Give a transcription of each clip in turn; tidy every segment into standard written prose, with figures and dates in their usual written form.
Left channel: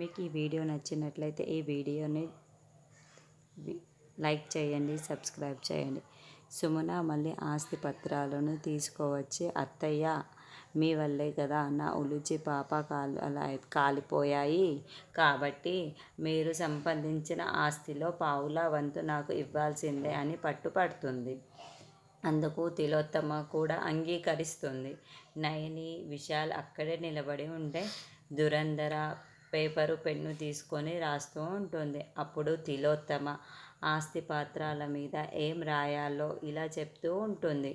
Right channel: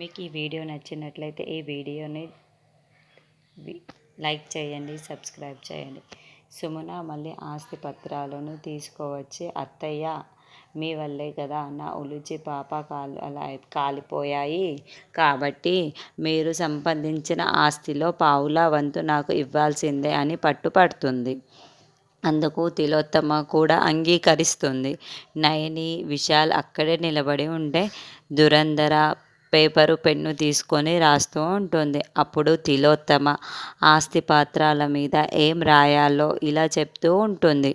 మీకు ఈ వీడియో నచ్చినట్లయితే ఈ వీడియోని లైక్ చేయండి, సబ్స్క్రైబ్ చేయండి. సుమన మళ్ళీ ఆస్తి పత్రాలను తీసుకువచ్చి, అత్తయ్య మీ వల్లే కదా నా ఉలుచి పాప అలా కాలిపోయాయి, కాబట్టి మీరు సంపాదించిన ఆస్తిలో పావులా వంతు నాకు ఇవ్వాల్సిందే అని పట్టుపడుతుంది. అందుకు తిలోత్తమ కూడా అంగీకరిస్తుంది. నయని, విశాల్ అక్కడే నిలబడి ఉంటే దురంధర పేపరు పెన్ను తీసుకొని రాస్తూ ఉంటుంది. అప్పుడు తిలోత్తమ ఆస్తి పాత్రాల మీద ఏం రాయాలో ఇలా చెప్తూ ఉంటుంది.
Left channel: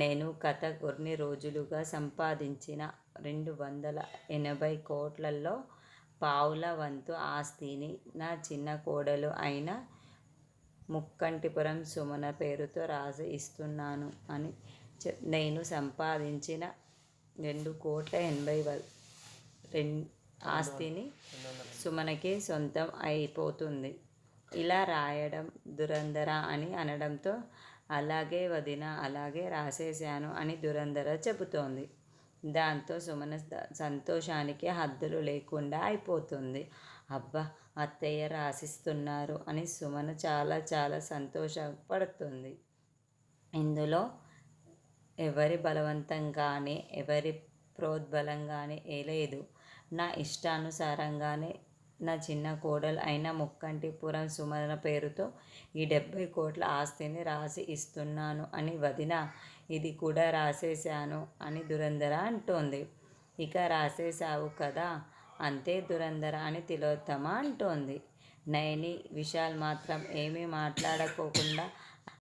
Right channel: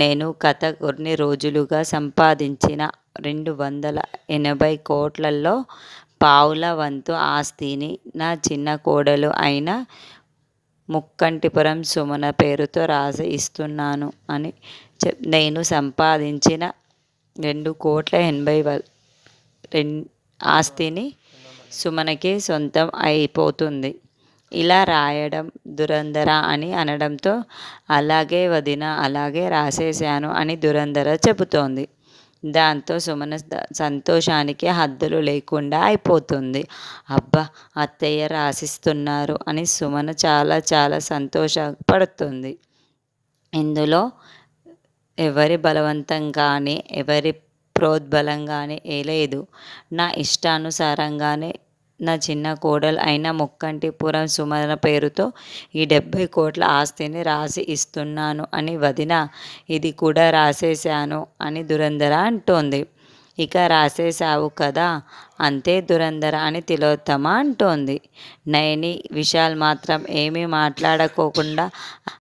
నేను గత కొన్ని రోజులుగా సంపాదించిన 280 కోట్లలో పావుల వంతు ఆస్తిని నా చిన్న కోడలు అయిన ముక్కంటిపురం సుమన పేరుతో రాసి ఇస్తున్నాను అని నేను సంపాదించిన 2,80,00,000 ఆస్తిని సుమనకి సొంతం అయిపోతుంది. ఇలా రాయడం దురంధర అని అనడంతో, అలాగే వదిన, అలాగే రాసేశాను అని దురంధర చెబుతోంది. దాంతో సుమన సంతోషానికి హద్దులు లేకుండా అయిపోతుంది. అబ్బా, అత్తయ్య రాసిస్తున్నారు అని సుమన చాలా చాలా సంతోషపడుతుంది. ఇందులో ఎవరి బలవంతం కానీ ఎవరి ప్రోద్బలం కానీ లేదు. నా ఇష్టానుసారంగానే నా చిన్న కోడలు అయిన ముక్కంటిపురం సుమన పేరుతో ఈ 70 కోట్ల ఆస్తిని రాసి ఇస్తున్నాను అని వదిన, ఇది కూడా రాసేశాను అని దురంధర అంటోంది. ఇక రాసేశావు కదా, అంతే దురంధర అని తిలోత్తమ అంటోంది. నయని, విశాల్ మాత్రం ఏమీ మాట్లాడుకోకుండా